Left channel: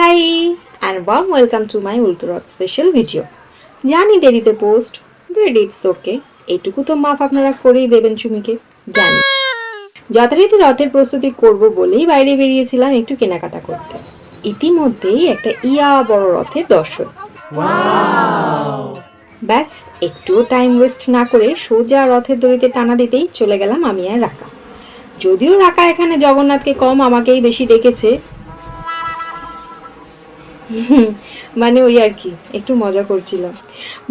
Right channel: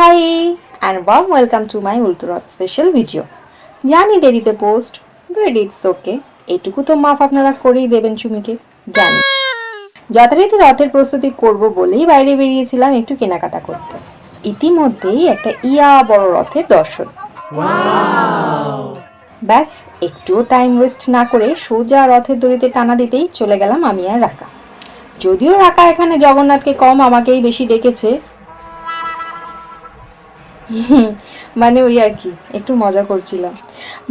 Hi and warm welcome to my Ultra special video. জানি দেরিতে post, but it's okay. এইটুকু তো মাফ আপনারা করেই দেবেন চুমিকে, জানি। যথারীতি রথের প্রস্তুতি করব বলেই বাইরে বেরিয়েছিলাম একটু কেনাকাটা করতে। ইতিমধ্যেই একটা বড় রথের দর্শন। ব্যাস একটুও টাইম ওয়েস্ট না করে সোজা রথের দড়িতে টানা দিতেই চলে গেলাম আমি আর রাকা। যদিও রাকা এখানে জগন্নাথকে কম আমাকেই বেশি ডেকেছে, মানে ওই আর কি, একটু মজা করছিলাম।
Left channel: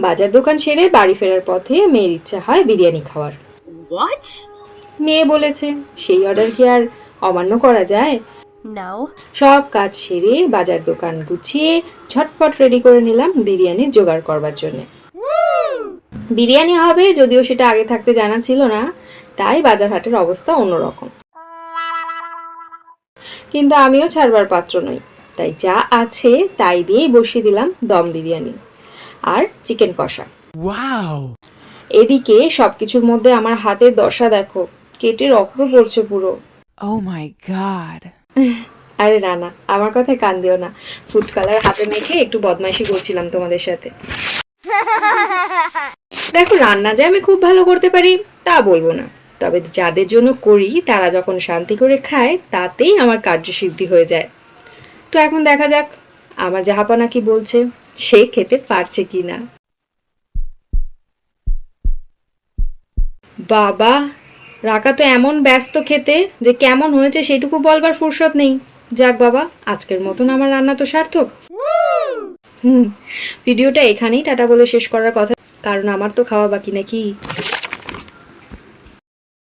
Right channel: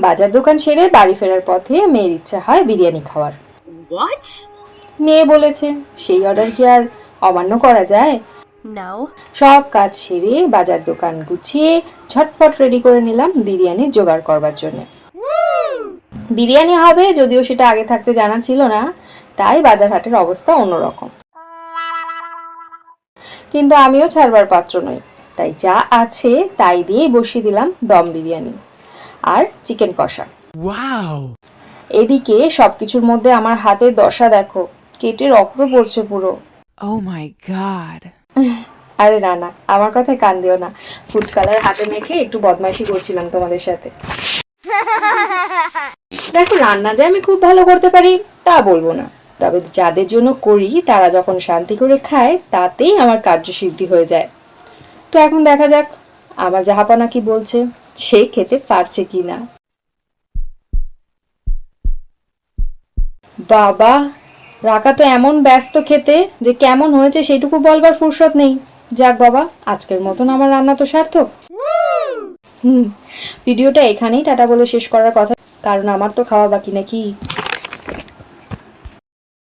বাজার দোকান সেরে বাড়ি ফেরার পথে মেয়ের ইচ্ছা হয় বিরিয়ানি খাওয়ার। What? মেয়ে বলেছে, সেই অর্ডার কি আর অমান্য করা যায়? No. সব কাজ সেরে বাজার দোকান গুছিয়ে ঝটপট রেডি করে নিলাম বিরিয়ানি জোগাড় করবার জন্য। বিরিয়ানি হবে যদিও সেটা আগে থাকতে জানা ছিল না, তাই বাজার হাটের অবস্থা অন্যরকম। কিন্তু আমিও ছাড়বার পাত্র নই, তাই যা আছে তাই দিয়েই বসিয়ে দিলাম দম বিরিয়ানি আর চিকেন কষা। এদিকে সবকিছুর মধ্যে আমার হাতের দশা দেখো, কেটে রক্ত পড়ছে পুরো। Oh my god. আরে না না, আমার কথায় কান দিও না। ফুড কালার হাতে মেখে একটু বদমাইশি করছিলাম তোমাদের সাথে। দেখো, রান্না যে আমি খুব ভালো করতে পারি তা বলবো না, তবে যাদের জন্য করি তারা যখন শান্তি করে খায় তাতেই আমার কার্যসিদ্ধি হয়ে যায়। তো এখন দেখা যাক আমার জাহাপনা কি বলছে, সে খেতে পারছে কিনা। বাবা, রাকা তো এমন ব্যস্ত খেতে যে কেমন হয়েছে সেটুকু বলবার ফুরসত নেই। যাক বাবা, আজকের মতন আমার রান্না তো সার্থক। ভিডিওটা এখানেই টাটা বলে শেষ করার কথা, কারণ আমার তো খাওয়া বাকি নাকি।